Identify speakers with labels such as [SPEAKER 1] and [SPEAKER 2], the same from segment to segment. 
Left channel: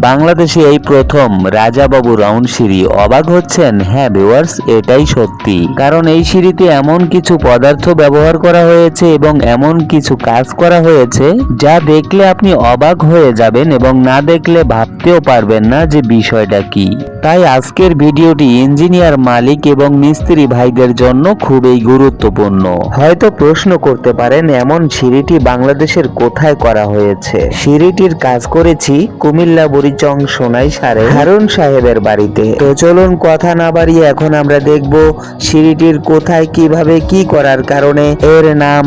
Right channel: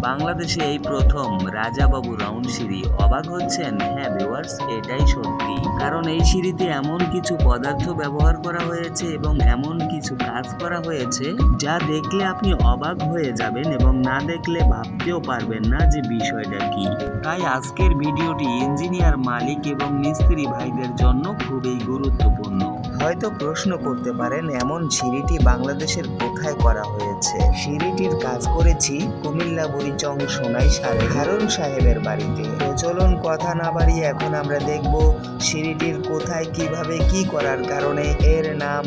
[SPEAKER 1] বাংলাদেশে এই প্রথম রাজাবাবু রাউন্ড সিঁড়ি অবাক হচ্ছেন। হ্যাঁ ভিউয়ার্স এটাই সত্যি। কারণ এই সিঁড়িতে এমন কিছু পদার্থ ব্যবহার করা হয়েছে এবং এমন কিছু কাজ করা হয়েছে যা দেখলে আপনি অবাক হয়ে যাবেন এবং না দেখলে ভাবতেও পারবেন না যে বিষয়টা কি। তাই আজকের ভিডিওটি ইঞ্জিনিয়ার মালিক এবং মিস্ত্রি ভাইদের জন্য খুবই গুরুত্বপূর্ণ। হয়তো প্রশ্ন করতে পারেন, এমন সিঁড়িটি বাংলাদেশের কোথায় করা হয়েছে? সিঁড়িটির কাজ করেছি কুমিল্লা বুড়িচং সোনাই সারে। হারুন সাহেবের বাড়িতে। তো চলুন কথা না বাড়িয়ে এখন আমরা দেখব সিঁড়িটির কোথায়, কীভাবে, কি করার কারণে। এর নাম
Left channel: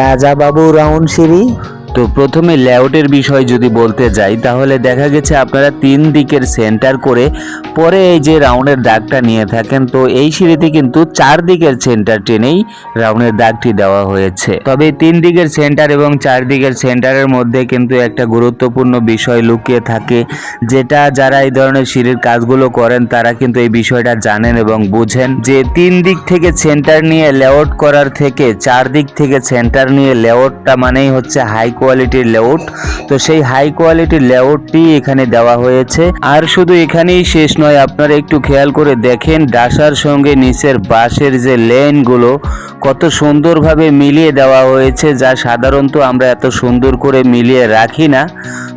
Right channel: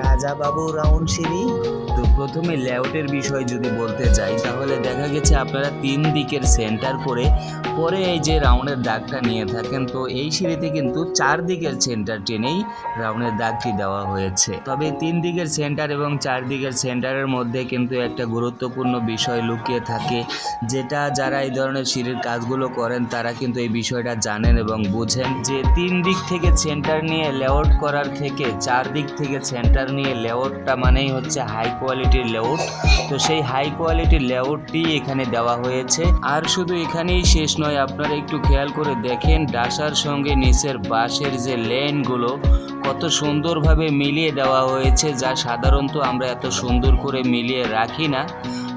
[SPEAKER 1] রাজাবাবু রাউন্ড সিঁড়ি তো প্রথমে লেআউটের বিষয় যদি বলতে যাই, তাহলে দেখা গেছে আপনারা তিন দিকের সেন্টার করে পরে এই যে রাউন্ডের দাগটা নিয়ে থাকেন, তো এই সিঁড়িতে কিন্তু চার দিকের সেন্টার টেনেই রাউন্ডের দাগটি দেওয়া হয়েছে। তবে তিন দিকের সেন্টার এবং চার দিকের সেন্টারের মধ্যে কিন্তু একটা গুরুত্বপূর্ণ বিষয় লুকিয়ে থাকে, যেটা যারা এই ধরনের সিঁড়ির কাজগুলো করেন, তারা কিন্তু এই বিষয়টা জানেন এবং বুঝেন যে তিন দিক থেকে সেন্টার নিয়ে লেআউট করার থেকে চার দিক থেকে সেন্টার নিয়ে লেআউটটা মানেই হচ্ছে হাই কোয়ালিটির লেআউট তো সেই হাই কোয়ালিটির লেআউটটি এখানে দেওয়া হয়েছে। আর শুধু এখানেই শেষ নয়, আপনারা একটু খেয়াল করে দেখেন, ডাসার সঙ্গে নিচের বাঁশের যে লেনগুলো কত সুন্দরভাবে মিলিয়ে দেওয়া হয়েছে, যা সাধারণত আমরা এত সুন্দর করে মিলিয়ে রাখি না।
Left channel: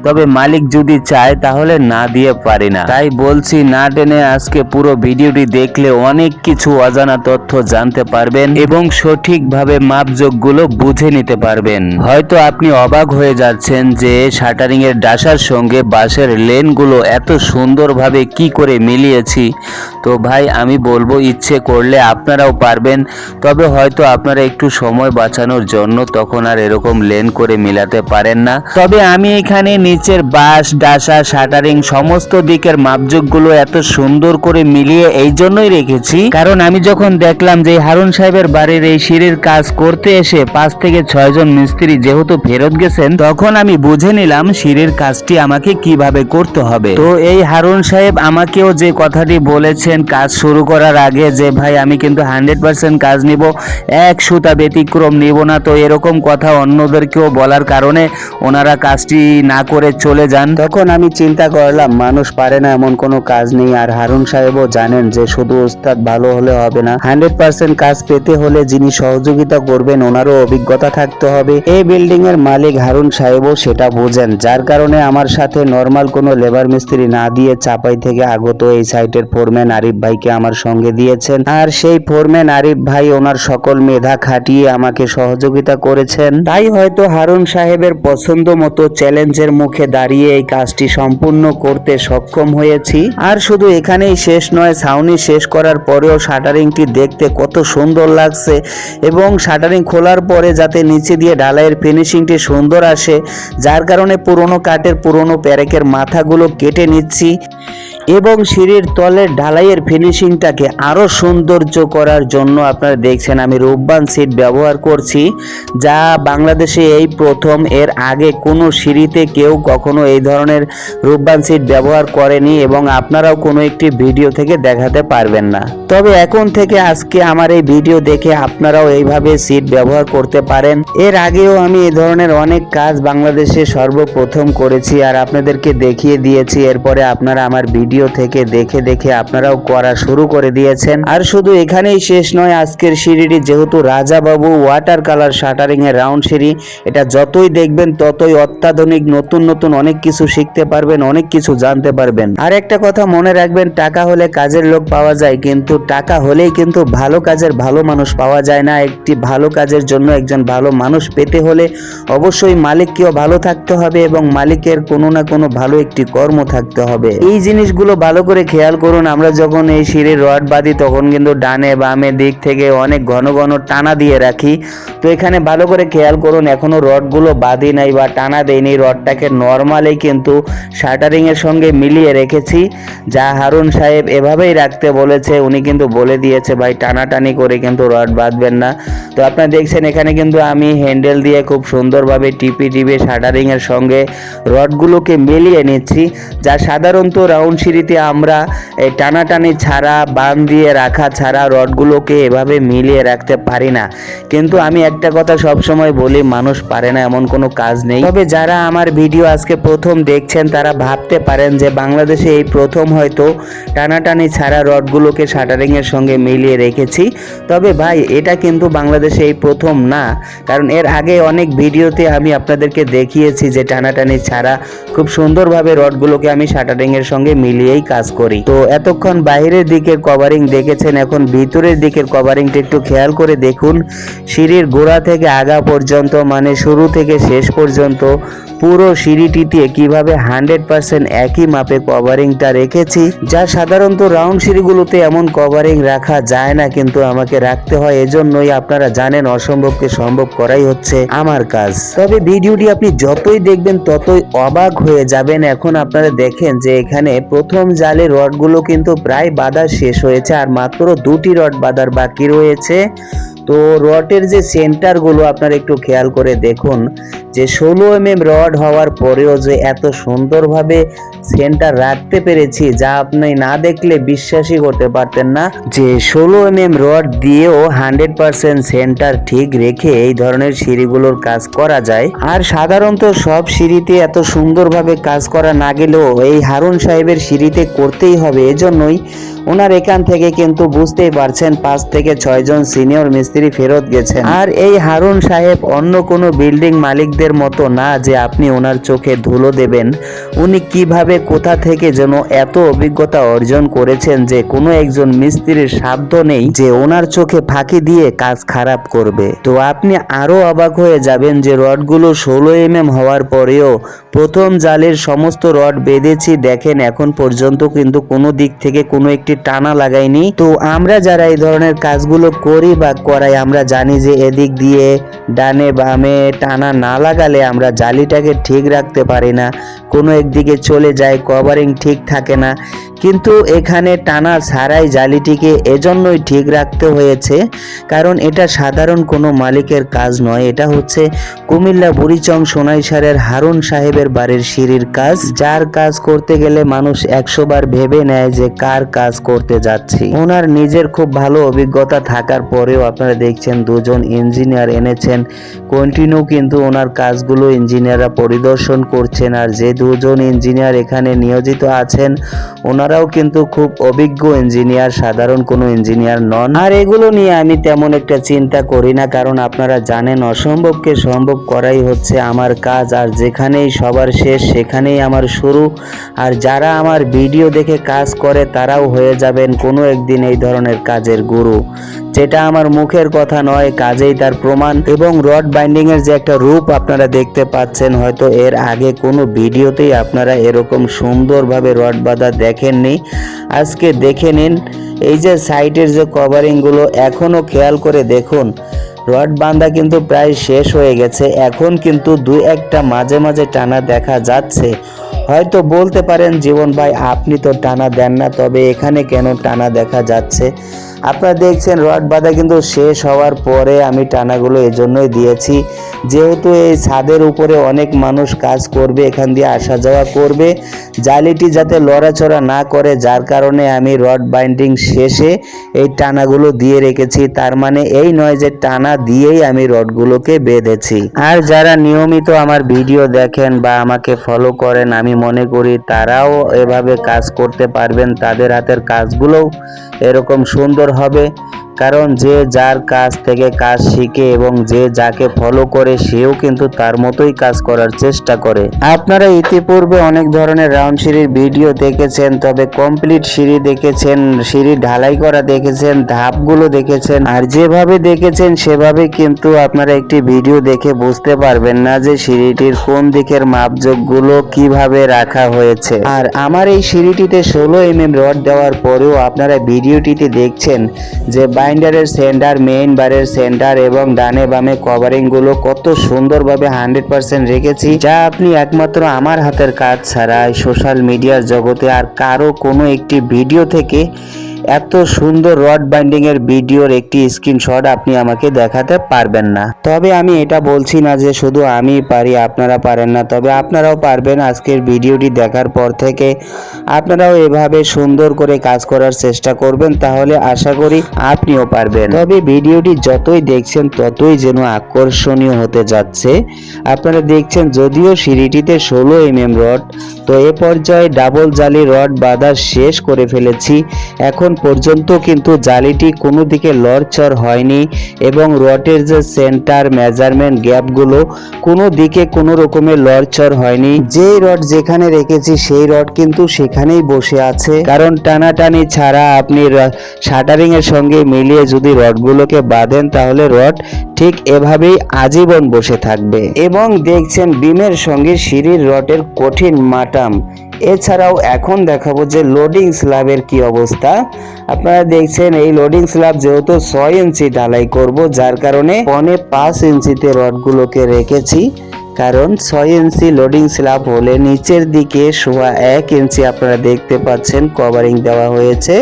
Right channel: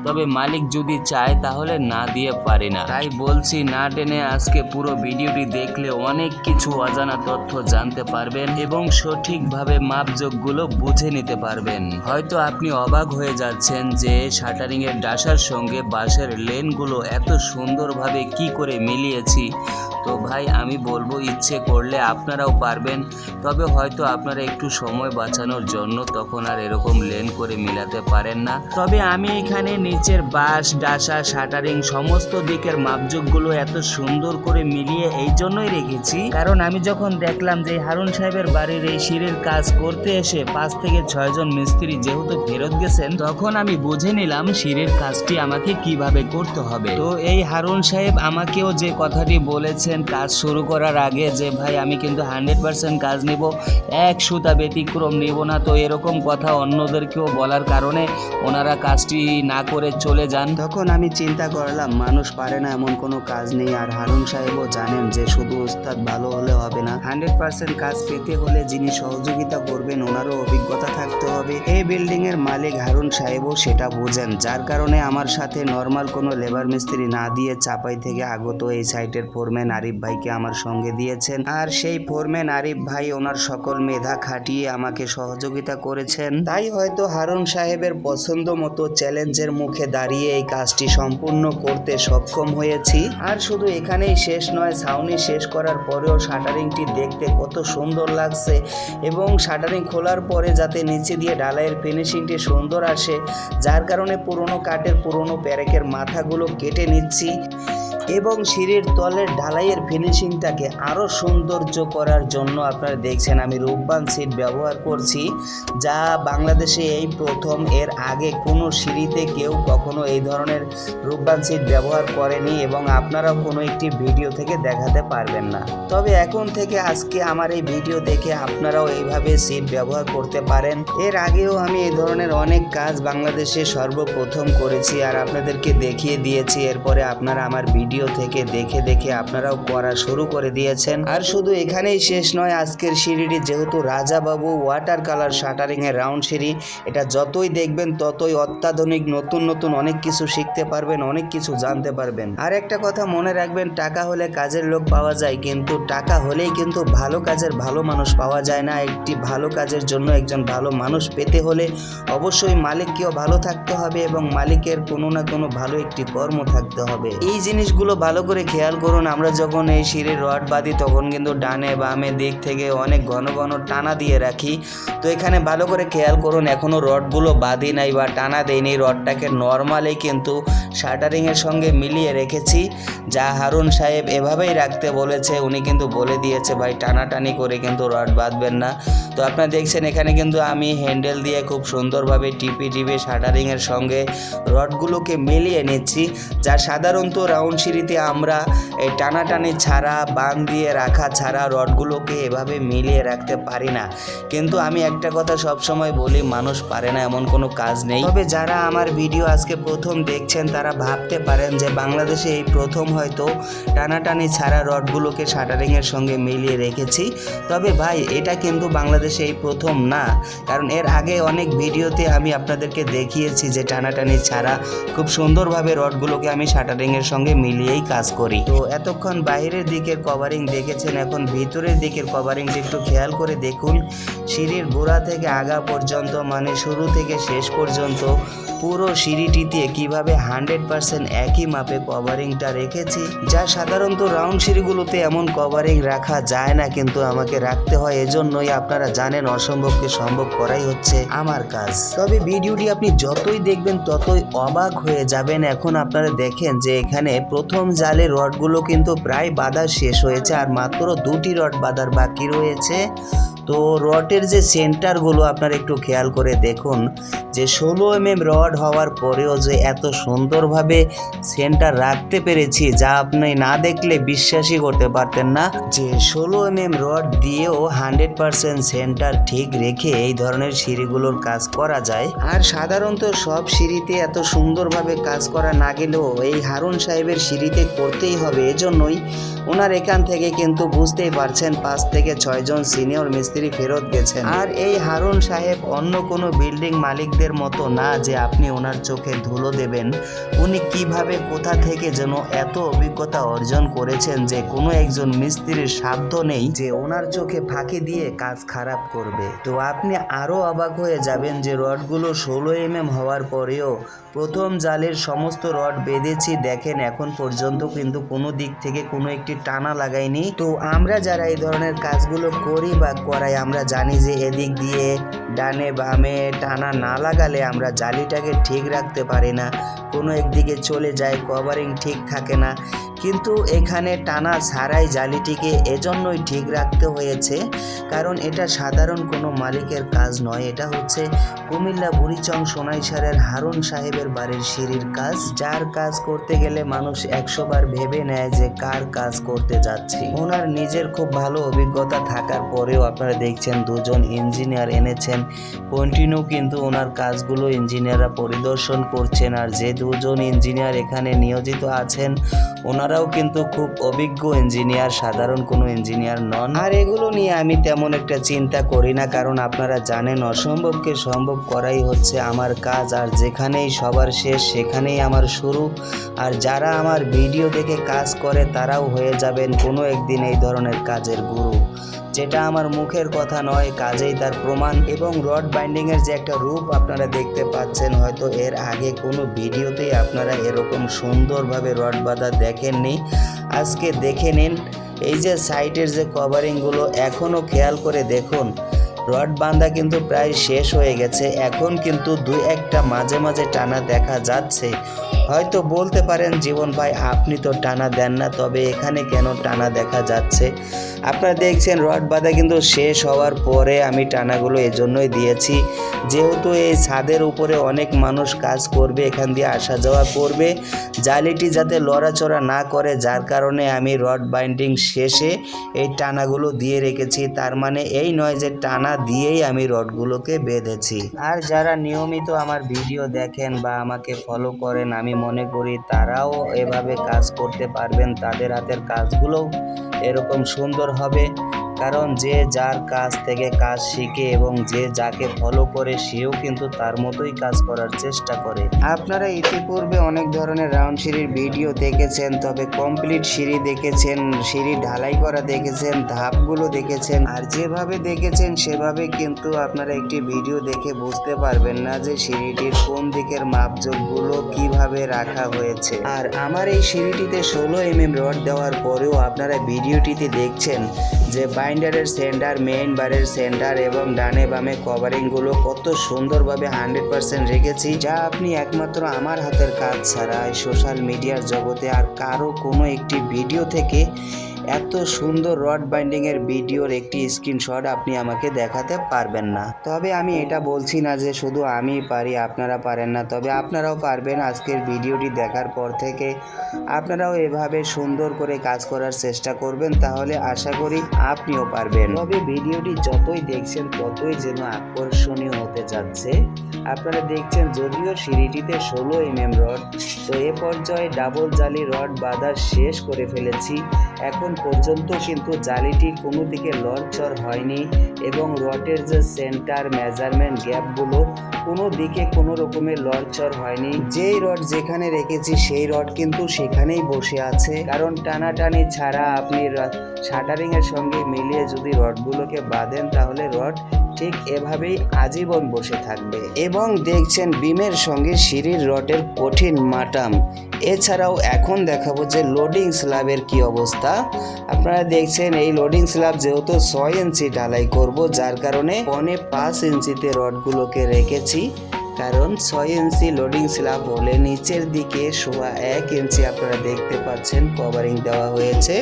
[SPEAKER 1] তবে মালিক যদি চায় তাহলে না দিয়ে পারি না। তাই বলছি, না টেনে আজকে পুরো ভিডিওটি দেখলে অনেক কিছু অজানা তথ্য জানতে পারবেন এবং সঠিকভাবে মাপযোগগুলো বুঝে নিতে পারবেন। হয়তো আপনি অবাক হয়ে যাচ্ছেন যে শাটারিং এর ডাসার সঙ্গে বাঁশের লেনগুলো এত সুন্দরভাবে কি করে মিলিয়েছি। তো ভাই, আমি বলব ইচ্ছে করলে আপনারাও পারবেন। তবে হয়তো আপনারা একটু সময় বাঁচানোর জন্য তখন আর এরকম লেন করে মিলাতে পারেন না। তবে আমি এখানে নিচের বাস ডাসা, শাটারিং সমস্ত দিকের মাপযোগগুলো এত সুন্দর করে মিলিয়ে এই জন্যই রেখেছি। কারণ আমি যখন দেখলাম যে হারুন সাহেবের বাড়ির এই সিঁড়ির কাজ করতে এসে পাঁচ থেকে ছয় জন মিস্ত্রি যেহেতু ফেরত গেছেন, তখন আমি বুঝে নিলাম সিঁড়ির কাজটি আমাকে কীভাবে করতে হবে। তো এই হারুন সাহেব আমাকেও যে কথাটি বলেছেন কাজ শুরু করার আগে যে, ভাই, আমি কিন্তু হান্ড্রেড পার্সেন্ট কাজ নিব, এক সুতা ব্যতিক্রম নিব না। তো এরকম কথা অন্যদেরকেও বলার কারণে ওনারা কাজটি না করে চলে যান। তখন আমি চিন্তা করলাম, মানুষ পারে না এমন কোনো কাজ নেই। আর হারুন সাহেবও জানেন যে, শুধু ওস্তাদ ভালো হলে হবে না হান্ড্রেড পার্সেন্ট কাজ পেতে হলে যিনি সহযোগিতা করবেন, ওনারও অভিজ্ঞতা থাকতে হবে। এই বিল্ডিং এর মালিক হারুন সাহেবও সেটা বোঝেন, যার কারণে আমার সাথে নর্মাল কোনো লেবার মিস্ত্রি না দিয়ে চাপাই থেকে আগত এই সাইটের ফোরম্যান আরিফ ভাইকে আমার সঙ্গে দিয়েছেন। আর সেই ফোরম্যান আরিফ ভাই ওনার সকল মেধা খাটিয়ে আমাকে সহযোগিতা করেছেন। তাই হয়তো হারুন সাহেবের পছন্দ মতো চ্যালেঞ্জের মুখে দাঁড়িয়ে এই কাজটি সম্পূর্ণ করতে সক্ষম হয়েছি। আর শুধু এখানেই শেষ নয়, ছাউনি শেষ করার পরেও শাটারিংটি দেখতে কত সুন্দর লাগছে এবং শাটারিং খোলার পরে যাতে নিচে দিয়ে ঢালাইয়ের ফিনিশিংটি সুন্দর আসে, যার কারণে পুরনো কাঠের পুরনো প্যারেকের মাথাগুলো কেটে নিচ্ছি। এবং সিঁড়ির তলের ঢালাইয়ের ফিনিশিংটাকে আরও সৌন্দর্য করার জন্য আপনারা দেখছেন, আমি রূপবান সিট ব্যবহার করছি, যা বাংলাদেশে এই প্রথম, এর আগে কোনো সিঁড়িতে কেউ কখনো এই ধরনের রূপবান সিট ব্যবহার করেনি এবং আপনারাও কোনো একটি ভিডিও থেকে দেখাতে পারবেন না। তবে এখন থেকে আজকে আমার এই ভিডিও দেখে আপনারাও এইভাবে সিট ব্যবহার করতে পারেন। এর আগেও আমি এই ধরনের অনেক কাজ বাংলাদেশে সর্বপ্রথম করেছি আর আপনাদেরকে দেখিয়ে দিয়েছি, এরপরে আপনারা আমার ভিডিও থেকে দেখে দেখে আপনারাও করা শুরু করে দিয়েছেন। আর শুধু এখানেই শেষ নয়, আজকের সিঁড়িটি যেহেতু রাজাবাবু ওয়াটার কালার শাটারিং এর রাউন্ড সিঁড়ি, এটা যতই দেখবেন ততই অত্যাধুনিক, নতুন নতুন অনেক কিছু শিখতে পারবেন, অনেক কিছু জানতে পারবেন। আর একটা কথা মনে রাখবেন, টাকা হলে কাজের লোক পাওয়া যায়, কিন্তু টাকা হলেই কিন্তু ভালো কাজের ভালো মানুষ পাওয়া যায় না। একটি ভালো কাজের জন্য একজন ভালো মানুষ পেতে হলে অবশ্যই মালিককেও ভালো থাকতে হবে এবং মালিকের কোনো না কোনো ভালো একটি কর্ম থাকতে হবে। এই জিনিসগুলো ভালো করে খেয়াল করুন। আমরা যখন এই সিঁড়ির রড বাঁধি, তখন কিন্তু ডানে বামে দিক থেকে অনেক ঘন ঘন টানা দিয়ে রাখি। তো এখানে ভালো করে খেয়াল করুন, এখনও রডগুলো বাঁধি নাই বা টানা দেয়নি রডটাকে নর্মালি কিন্তু শাটারিং এর সঙ্গে মিলিয়ে রেখেছি। যা হারুন সাহেব এভাবেই রাখতে বলেছে, উনি কিন্তু বলে দিয়েছে, ভাই, টানাটানি করে কিন্তু রড বাঁধবেন না। তো আপনারা দেখছেন, এখানে কিন্তু আমি হ্যান্ডেল দিয়ে খুব সুন্দরভাবে টিপি টিপে শাটারিং এর সঙ্গে রডগুলোকে মিলিয়ে নিচ্ছি। যা সাধারণত রাউন্ড সিঁড়িতে আমরা এই টানাটানি ছাড়া বান দিয়ে রাখা ছাড়া রডগুলোকে এভাবে মিলিয়ে রাখতে পারি না। কিন্তু আমি একটা কথা সব সময় বলি, মানুষ পারে না এমন কোনো কাজ নেই। তবে যারা আমার ভিডিও আজকে প্রথম দেখছেন, তারা ভাবতে পারেন যে বাংলাদেশে এই প্রথম হয়তো টানাটানি ছাড়া রডগুলোকে শাটারিং এর সঙ্গে মিলিয়ে রেখেছি। তবে ভাই, এটা কিন্তু বাংলাদেশে এই প্রথম না। কারণ এর আগে অনেক ভিডিওতে আমি আপনাদেরকে দেখিয়েছি যে টানাটানি ছাড়া খুব সুন্দরভাবে রডগুলোকে আমি শাটারিং এর সঙ্গে মিলিয়েই কাজ করি। তো এতক্ষণ বাইরের দিকের কভারিং দেখেছেন, এখন ভিতরের দিকের কভারিংটা একটু খেয়াল করে দেখুন। সিঁড়ির গোড়া থেকে আগা পর্যন্ত মানে শুরু থেকে শেষ পর্যন্ত পুরো সিঁড়িটিতে কীভাবে হান্ড্রেড পার্সেন্ট একই মাপে কভারিংটা রেখেছি, যা সাধারণত রাউন্ড সিঁড়িগুলোতে এমন কভারিং রাখা যায় না, কিন্তু আমাকে রাখতে হয়। এজন্যই আপনারা জানেন অসম্ভবকে সম্ভব করাই হচ্ছে আমার কাজ। তবে ভিডিওটি আপনি যতই দেখবেন, ততই অবাক হয়ে যাবেন। এখন আপনারা দেখেন যে এখানে প্রথম জালে রডগুলো কিন্তু প্রায় বাঁধা শেষ হয়েছে, আর মাত্র দুটি রড বাঁধার বাকি রয়েছে। তো রডের যে সেন্টারগুলো আপনারা একটু খেয়াল করে দেখুন, যে ষোলো এম এম রড হওয়ার পরেও যে এত সুন্দরভাবে সেন্টার রাখতে পেরেছি, যা আপনি না দেখলে বিশ্বাসই করতে পারতেন না, যে ষোলো এম এম রড দিয়েও হান্ড্রেড পার্সেন্ট সেন্টার ঠিক রেখে এই ধরনের সিঁড়িগুলোর কাজ করা যায়। আর সাধারণত সব সিঁড়িতে এত সুন্দরভাবে কাজ করা না গেলেও এই হারুন সাহেবের সিঁড়িতে করতেই হবে, এজন্যই ওনার এখান থেকে কিন্তু বুঝতেই পারছেন পাঁচ থেকে ছয়জন সিনিয়র মিস্ত্রি ফেরত গেছেন। আর এই হারুন সাহেব অন্য কোনো বিল্ডিং মালিকদের মতো না যে আপনি ওনার চোখে ধুলো দেবেন। উনি কীভাবে কোথা থেকে যেন এত অভিজ্ঞতা অর্জন করেছেন যে কোনো একজন মিস্ত্রির সাধ্য নেই যে ওনার চোখে ফাঁকি দিয়ে কাজ খারাপ করবে। তো আপনি আরও অবাক হয়ে যাবেন যে রডগুলো ষোলো এম এম হওয়ার পরেও প্রথম জালের সমস্ত রড বেঁধেছি, দেখেন এখন পর্যন্ত কিন্তু কোনো দিক থেকে কোনো একটি টানা লাগাইনি। তো আমরা যারা এই ধরনের কাজগুলো করি বা করাই, আমরা জানি যে এদিক দিয়ে ডানে বামে টানা না লাগালে আমরা জালিটাকে ঠিক রাখতে পারি না। কোনো একদিকে চলে যায় কভারিং ঠিক থাকে না। কিন্তু এখানে টানা ছাড়াই জালিটিকে এজন্যই ঠিক রাখতে হয়েছে, কারণ এটা সাধারণ কোনো মালিকের কাজ নয়। এটা হচ্ছে কুমিল্লা বুড়িচং সোনাইসারের হারুন সাহেবের বাড়ির সিঁড়ির কাজ, যার কাজ করতে গেলে মানুষ একশো বার ভেবে নেয় যে কার কাজ করতে যাচ্ছি। ওনার নিজের খুব ভালো অভিজ্ঞতা থাকার পরেও আপনারা দেখছেন দুজন ইঞ্জিনিয়ার এনেছেন। কন্টিনিউ কিন্তু ওনার কাজগুলো ইঞ্জিনিয়াররা পরিদর্শন করছেন আর যে দুজন ইঞ্জিনিয়ার এখানে নিয়োজিত আছেন, ওনারাও কিন্তু খুব অভিজ্ঞ ইঞ্জিনিয়ার, সাধারণ কোনো ইঞ্জিনিয়ার নন। আর এগুলো নিয়ে আমি তেমন একটা চিন্তা করি না, কারণ আপনারা জানেন অসম্ভবকে সম্ভব করাই হচ্ছে আমার কাজ, আর যেখানেই সবার শেষ সেখানেই আমার শুরু। আর যারা আমার ভিডিও দেখে কাজ করে, তারাও যাবেন কোনো একদিন এই ধরনের কাজের গুরু। যেটা আমার মুখের কথা নয়, কাজেই তার প্রমাণ এবং রড বাইন্ডিং এর যে একটা রূপ আপনারা দেখতে পাচ্ছেন, হয়তো এর আগে কোনো ভিডিওতেই আপনারা এরকম সুন্দরভাবে রড বাঁধা দেখেননি। আজকে দেখে নিন, এই যে সাইডের যে কভারিংগুলো এখনও খেয়াল করে দেখুন, রড বাঁধা কিন্তু প্রায় শেষ হয়ে গেছে। এখন কিন্তু দুই একটা মাঝে মাঝে টানা দেখা যাচ্ছে। হয়তো বলতে পারেন, জীবন ভাই, আপনি তো টানা দেন না, তবে এখানে কেন টানা দেখা যাচ্ছে? আপনারা দেখছেন রড বাঁধা কিন্তু শেষ হওয়ার পরে আমি টানাগুলো এজন্যই দিয়েছি। যেহেতু এই ছাদের উপরে অনেক মানুষ কাজ করবে, এখান দিয়ে আসা যাওয়া করবে। জালিটি যাতে লড়াচড়া না করে, যার কারণে আমি রড বাইন্ডিং শেষে এই টানাগুলো দিয়ে রেখেছি। তার মানে এই নয় যে টানা দিয়েই আমি রডগুলোকে বেঁধেছি। আর যারা নিয়মিত আমার ভিডিও দেখেন বা আমাকে ফলো করেন, আমি মনে করি তারাও এভাবে কাজ করতে পারবেন। তাদের হাতের কাজগুলোও এরকম সুন্দর হবে। কারণ যে যার কাজ থেকে কাজ শিখে এবং যে যাকে ফলো করে, সেও কিন্তু তার মতোই কাজ করার চেষ্টা করে। আপনারা ইতিপূর্বে অনেক ধরনের রাউন্ড সিঁড়ির ভিডিও দেখেছেন, তবে কমপ্লিট সিঁড়ি দেখেছেন, সিঁড়ি ঢালাই করা দেখেছেন, ধাপগুলো দেখেছেন, আর যেভাবে দেখেছেন, সেভাবে কিন্তু আপনারা একটি ভিডিও দেখে বুঝতে পারবেন না যে সিঁড়িটির কোন দিকের মাপজোকগুলো কীভাবে রাখা হয়েছে। আর আমার এই সিঁড়িটিতে ষোলো এম এম রড দেওয়ার পরেও আপনারা ভিডিওটিতে দেখছেন যে বাইন্ডারের সেন্টার মেইন বারের সেন্টার এবং ডানে বামে কভারিংগুলো কত সুন্দরভাবে হান্ড্রেড পার্সেন্ট রেখেছি, যা আপনি একমাত্র আমার হাতের কাজ ছাড়া সোশ্যাল মিডিয়ার জগতে আর কারও কোনো একটি ভিডিও থেকে এত সুন্দর রড বাইন্ডিং এর ভিডিওর একটি স্ক্রিনশট আপনি আমাকে দেখাতে পারবেন না। তবে আমি এটা বলছি না যে শুধু আমি পারি, আপনারা পারেন না। তবে আপনারাও পারবেন আজকের ভিডিওটি দেখার পর থেকে। আপনারাও এভাবে সুন্দর করে কাজ করার চেষ্টা করবেন, তাহলে আশা করি আপনিও পারবেন। তবে ভিডিওটি যতই দেখছেন, ততই যেন আকর্ষণীয় হতে যাচ্ছে। আপনারা দেখছেন যদিও সিঁড়িটিতে ষোলো এম এম রড, তো এ পর্যায়ে ডাবল জালি রড বাঁধা শেষ করে ফেলেছি। এখন পর্যন্ত কিন্তু জালিটি কোনো দিকে লড়চড় হয়নি এবং রডের যে সেন্টার মেজারমেন্ট গ্যাপগুলো কোনো দিকে কোনো রকমের লড়চড় হয়নি। যেই রড যেখানে রেখেছি সেই রড কিন্তু সেখানেই বসে আছে। কারণ টানাটানি ছাড়া আপনি শাটারিং এর সঙ্গে মিলিয়ে যদি রডগুলোকে বাঁধেন তাহলে রড ঠিক এভাবেই আজীবন বসে থাকবে। এবং দেখছেন বিমের সঙ্গে সিঁড়ির রডের কঠিন মাটাম। এছাড়াও এখন দেখাবো যে লোডিং স্ল্যাবের কি অবস্থা। আপনারা দেখছেন, এই লোডিং স্ল্যাব যেহেতু ছয় ইঞ্চি ঢালাই করব, যার কারণে পনে পাঁচ ইঞ্চিতে রডগুলোকে রেখেছি। কারণ ছয় ইঞ্চি লোডিং স্ল্যাব হলে নিচের দিকে সোয়া এক ইঞ্চি আপনারা দেখতে পাচ্ছেন কভারিং দেওয়া হয়েছে।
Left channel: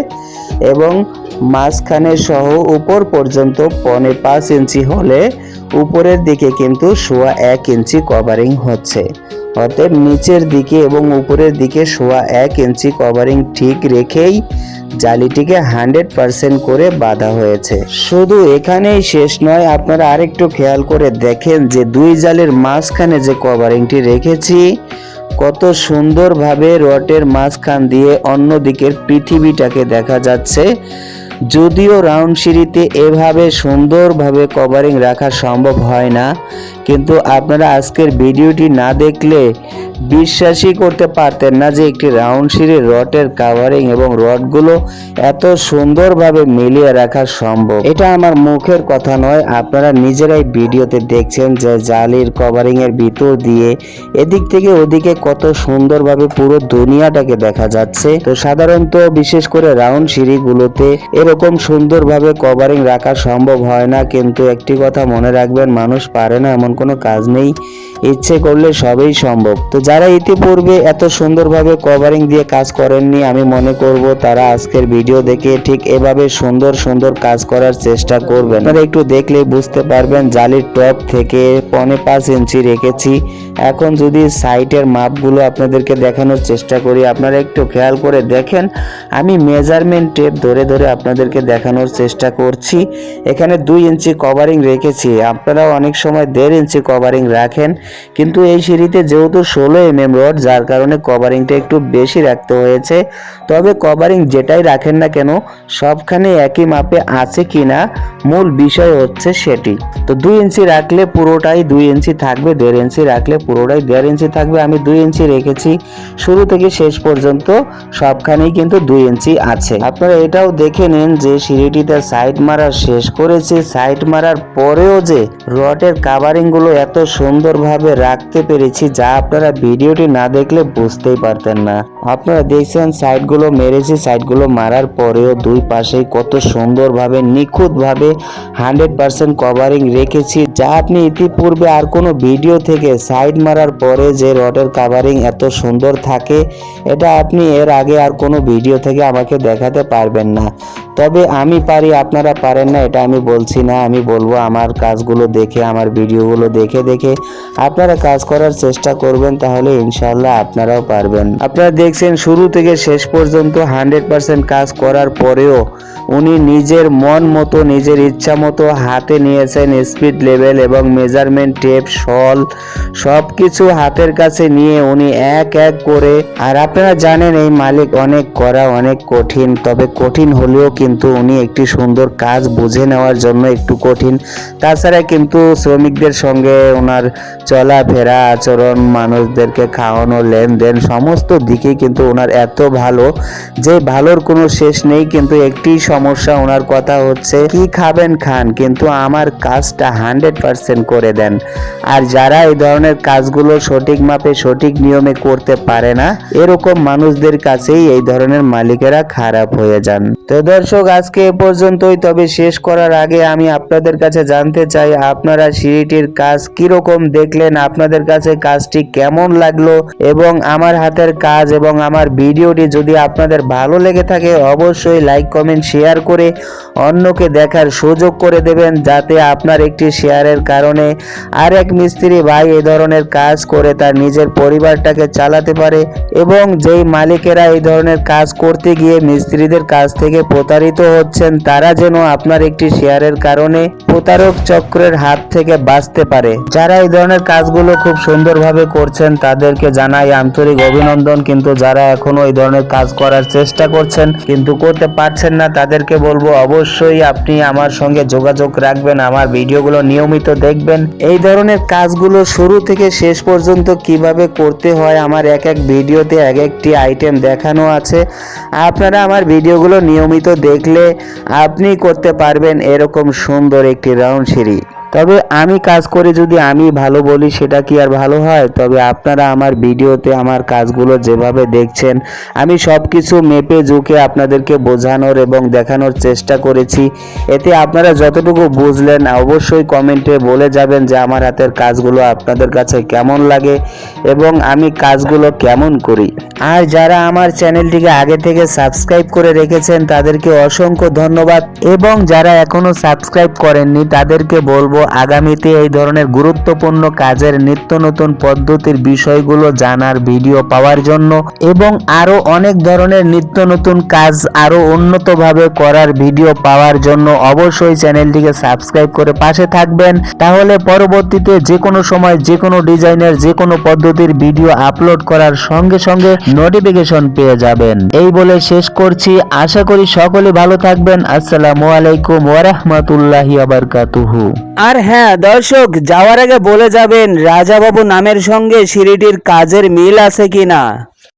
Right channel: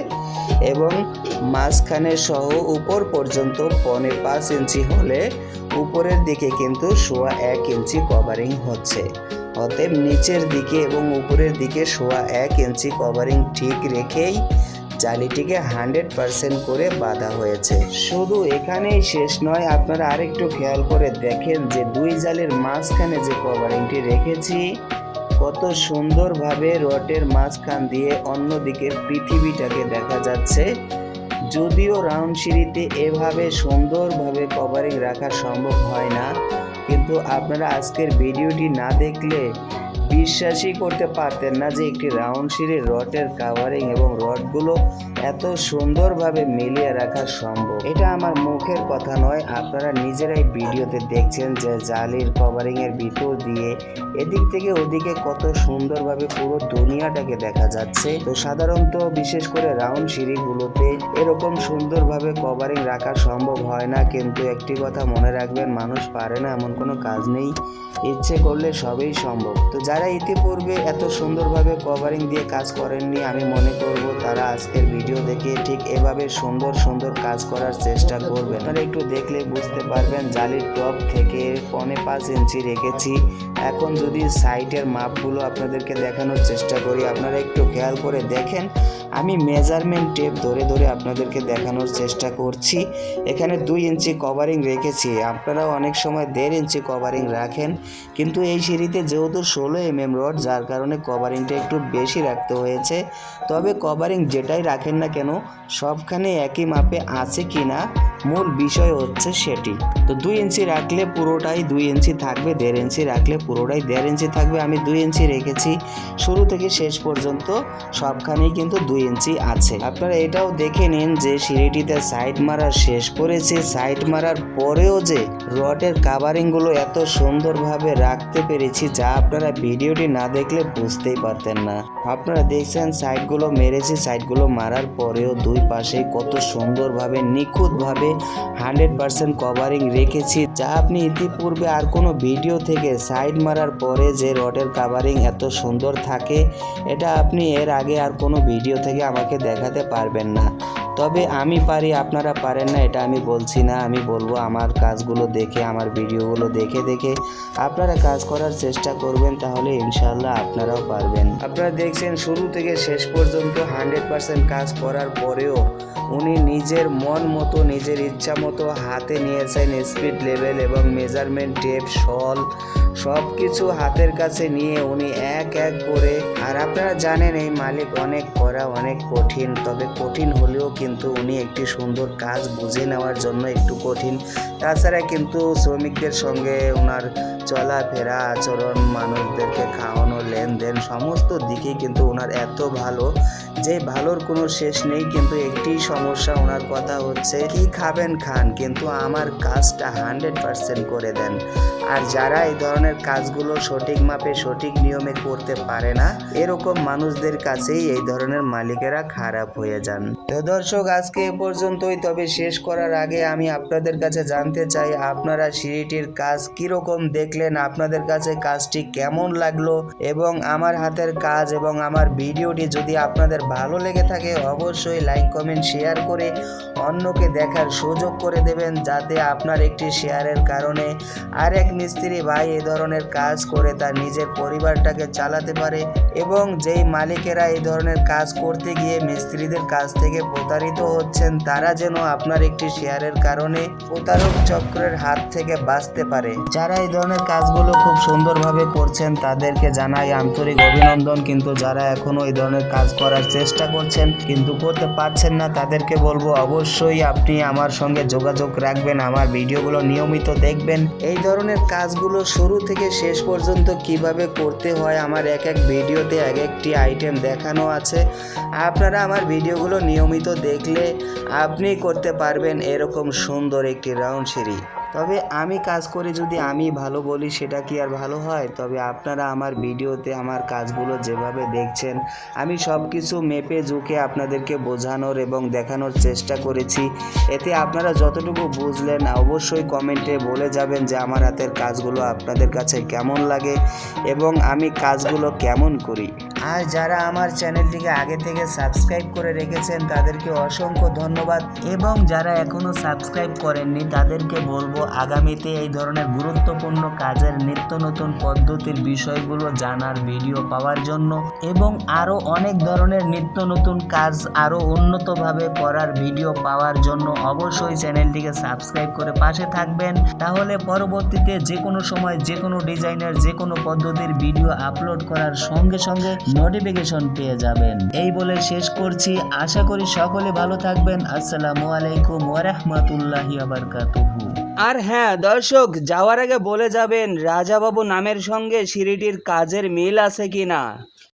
[SPEAKER 1] এবং মাঝখানে সহ উপর পর্যন্ত পনে পাঁচ ইঞ্চি হলে উপরের দিকে কিন্তু সোয়া এক ইঞ্চি কভারিং হচ্ছে। অতএব নিচের দিকে এবং উপরের দিকে সোয়া এক ইঞ্চি কভারিং ঠিক রেখেই জালিটিকে হান্ড্রেড পার্সেন্ট করে বাঁধা হয়েছে। শুধু এখানেই শেষ নয়, আপনারা আরেকটু খেয়াল করে দেখেন যে দুই জালের মাঝখানে যে কভারিংটি রেখেছি, কত সুন্দরভাবে রটের মাঝখান দিয়ে অন্য দিকের পৃথিবীটাকে দেখা যাচ্ছে। যদিও রাউন্ড সিঁড়িতে এভাবে সুন্দরভাবে কভারিং রাখা সম্ভব হয় না, কিন্তু আপনারা আজকের ভিডিওটি না দেখলে বিশ্বাসই করতে পারতেন না যে একটি রাউন্ড সিঁড়ির রটের কাভারিং এবং রডগুলো এত সুন্দরভাবে মিলিয়ে রাখা সম্ভব। এটা আমার মুখের কথা নয়, আপনারা নিজেরাই ভিডিওতে দেখছেন যে জালির কভারিং এর ভিতর দিয়ে এদিক থেকে ওদিকে কত সুন্দরভাবে পুরো দুনিয়াটাকে দেখা যাচ্ছে। তো সাধারণত বিশেষ করে রাউন্ড সিঁড়িগুলোতে এরকম সুন্দরভাবে কভারিং রাখা সম্ভব হয় না, কিন্তু একটি কথা মনে রাখবেন, মানুষ পারে না, এমন কোনো কাজ নেই। ইচ্ছে করলে সবই সম্ভব। তো যারা ইতিপূর্বে এত সুন্দরভাবে কভারিং দিয়ে কাজ করেননি, আমি মনে করব তারা আজকের ভিডিও দেখে ঠিক এভাবে সুন্দর সুন্দর কাজ করার চেষ্টা করবেন। আপনারা একটু দেখলে বুঝতে পারবেন, জালির টপ থেকে পনে পাঁচ ইঞ্চি রেখেছি। এখন যদি সাইটের মাপগুলো আপনাদেরকে দেখানোর চেষ্টা করি, আপনারা একটু খেয়াল করে দেখেন, আমি মেজারমেন্ট টেপ ধরে ধরে আপনাদেরকে দেখানোর চেষ্টা করছি। এখানে দুই ইঞ্চি কভারিং রেখেছি, আপনারাও অনেক সময় দেড় ইঞ্চি কভারিং রাখেন। কিন্তু এই সিঁড়িতে যেহেতু ষোলো এম এম রড, যার কারণে কভারিংটা একটু বেশি রাখতে হয়েছে। তবে কভারিং যেটাই রাখেন না কেন, সবখানে একই মাপে আছে কিনা মূল বিষয় হচ্ছে সেটি। তো দুই ইঞ্চি রাখলে পুরোটাই দুই ইঞ্চি থাকবে, দেড় ইঞ্চি রাখলে পুরোটাই দেড় ইঞ্চি থাকবে। আমি দুই ইঞ্চি রেখেছি, শুরু থেকে শেষ পর্যন্ত সবখানেই কিন্তু দুই ইঞ্চি আছে। আপনারা এটাও দেখে নিন যে সিঁড়িটিতে সাইড মারা শেষ করেছি। সাইড মারার পরেও যে রডের কাভারিংগুলো এত সুন্দরভাবে রাখতে পেরেছি, যা আপনারা ভিডিওটি না দেখলে বুঝতেই পারতেন না। আপনারা দেখছেন সাইডগুলো মেরেছি সাইডগুলো মারার পরেও দুই পাশেই কত সুন্দরভাবে, নিখুঁতভাবে হান্ড্রেড পার্সেন্ট কভারিং রেখেছি, যা আপনি ইতিপূর্বে আর কোনো ভিডিও থেকে সাইড মারার পরে যে রডের কাভারিং এত সুন্দর থাকে, এটা আপনি এর আগে আর কোনো ভিডিও থেকে আমাকে দেখাতে পারবেন না। তবে আমি পারি, আপনারা পারেন না, এটা আমি বলছি না, আমি বলব আমার কাজগুলো দেখে, আমার ভিডিওগুলো দেখে দেখে আপনারা কাজ করার চেষ্টা করবেন, তাহলে ইনশাল্লাহ আপনারাও পারবেন। আপনারা দেখছেন শুরু থেকে শেষ পর্যন্ত হান্ড্রেড পার্সেন্ট কাজ করার পরেও উনি নিজের মন মতো, নিজের ইচ্ছা মতো হাতে নিয়েছেন স্পিড লেভেল এবং মেজারমেন্ট টেপ, শল সব কিছু হাতের কাছে নিয়ে উনি এক এক করে। আর আপনারা জানেন এই মালিক অনেক করা অনেক কঠিন, তবে কঠিন হলেও কিন্তু উনি একটি সুন্দর কাজ বুঝে নেওয়ার জন্য একটু কঠিন। তাছাড়া কিন্তু শ্রমিকদের সঙ্গে ওনার চলাফেরা, আচরণ মানুষদেরকে খাওয়ানো, লেনদেন, সমস্ত দিকে কিন্তু ওনার এত ভালো যে ভালোর কোনো শেষ নেই। কিন্তু একটি সমস্যা ওনার কথা হচ্ছে, কি খাবেন খান? কিন্তু আমার কাজটা হান্ড্রেড পার্সেন্ট করে দেন। আর যারা এই ধরনের কাজগুলো সঠিক মাপে, সঠিক নিয়মে করতে পারে না, এরকম মানুষদের কাছেই এই ধরনের মালিকেরা খারাপ হয়ে যান। তো দর্শক, আজকে এ পর্যন্তই। তবে শেষ করার আগে আমি আপনাদের কাছে জানতে চাই, আপনারা সিঁড়িটির কাজ কীরকম দেখলেন? আপনাদের কাছে কাজটি কেমন লাগল এবং আমার হাতের কাজ এবং আমার ভিডিওটি যদি আপনাদের ভালো লেগে থাকে, অবশ্যই লাইক কমেন্ট শেয়ার করে অন্যকে দেখার সুযোগ করে দেবেন যাতে আপনার একটি শেয়ারের কারণে আর এক মিস্ত্রি ভাই এই ধরনের কাজ করে তার নিজের পরিবারটাকে চালাতে পারে এবং যেই মালিকেরা এই ধরনের কাজ করতে গিয়ে মিস্ত্রিদের কাছ থেকে প্রতারিত হচ্ছেন, তারা যেন আপনার একটি শেয়ারের কারণে প্রতারক চক্রের হাত থেকে বাঁচতে পারে। যারা এই ধরনের কাজগুলো খুব সুন্দরভাবে করছেন তাদেরকে জানাই আন্তরিক অভিনন্দন। কিন্তু যারা এখনও এই ধরনের কাজ করার চেষ্টা করছেন, কিন্তু করতে পারছেন না, তাদেরকে বলব অবশ্যই আপনি আমার সঙ্গে যোগাযোগ রাখবেন, আমার ভিডিওগুলো নিয়মিত দেখবেন। এই ধরনের কাজগুলো শুরু থেকে শেষ পর্যন্ত কীভাবে করতে হয়, আমার এক এক ভিডিওতে এক একটি আইটেম দেখানো আছে। আপনারা আমার ভিডিওগুলো নিয়মিত দেখলে আপনি করতে পারবেন এরকম সুন্দর একটি রাউন্ড সিঁড়ি। তবে আমি কাজ করে যদি আমি ভালো বলি, সেটা কি আর ভালো হয়? তবে আপনারা আমার ভিডিওতে আমার কাজগুলো যেভাবে দেখছেন, আমি সব কিছু মেপে ঝুঁকে আপনাদেরকে বোঝানোর এবং দেখানোর চেষ্টা করেছি। এতে আপনারা যতটুকু বুঝলেন, অবশ্যই কমেন্টে বলে যাবেন যে আমার হাতের কাজগুলো আপনাদের কাছে কেমন লাগে এবং আমি কাজগুলো কেমন করি। আর যারা আমার চ্যানেলটিকে আগে থেকে সাবস্ক্রাইব করে রেখেছেন, তাদেরকে অসংখ্য ধন্যবাদ এবং যারা এখনও সাবস্ক্রাইব করেননি, তাদেরকে বলব আগামীতে এই ধরনের গুরুত্বপূর্ণ কাজের নিত্য নতুন পদ্ধতির বিষয়গুলো জানার ভিডিও পাওয়ার জন্য এবং আরও অনেক ধরনের নিত্য নতুন কাজ আরও উন্নতভাবে করার ভিডিও পাওয়ার জন্য অবশ্যই চ্যানেলটিকে সাবস্ক্রাইব করে পাশে থাকবেন। তাহলে পরবর্তীতে যে কোনো সময় যে কোনো ডিজাইনের যে কোনো পদ্ধতির ভিডিও আপলোড করার সঙ্গে সঙ্গে নোটিফিকেশন পেয়ে যাবেন। এই বলে শেষ করছি। আশা করি সকলে ভালো থাকবেন। আসসালামু আলাইকুম ওয়ারাহমাতুল্লাহি আবারকাতুহু
[SPEAKER 2] আর হ্যাঁ দর্শক, যাওয়ার আগে বলে যাবেন, রাজাবাবু নামের সঙ্গে সিঁড়িটির কাজের মিল আছে কিনা?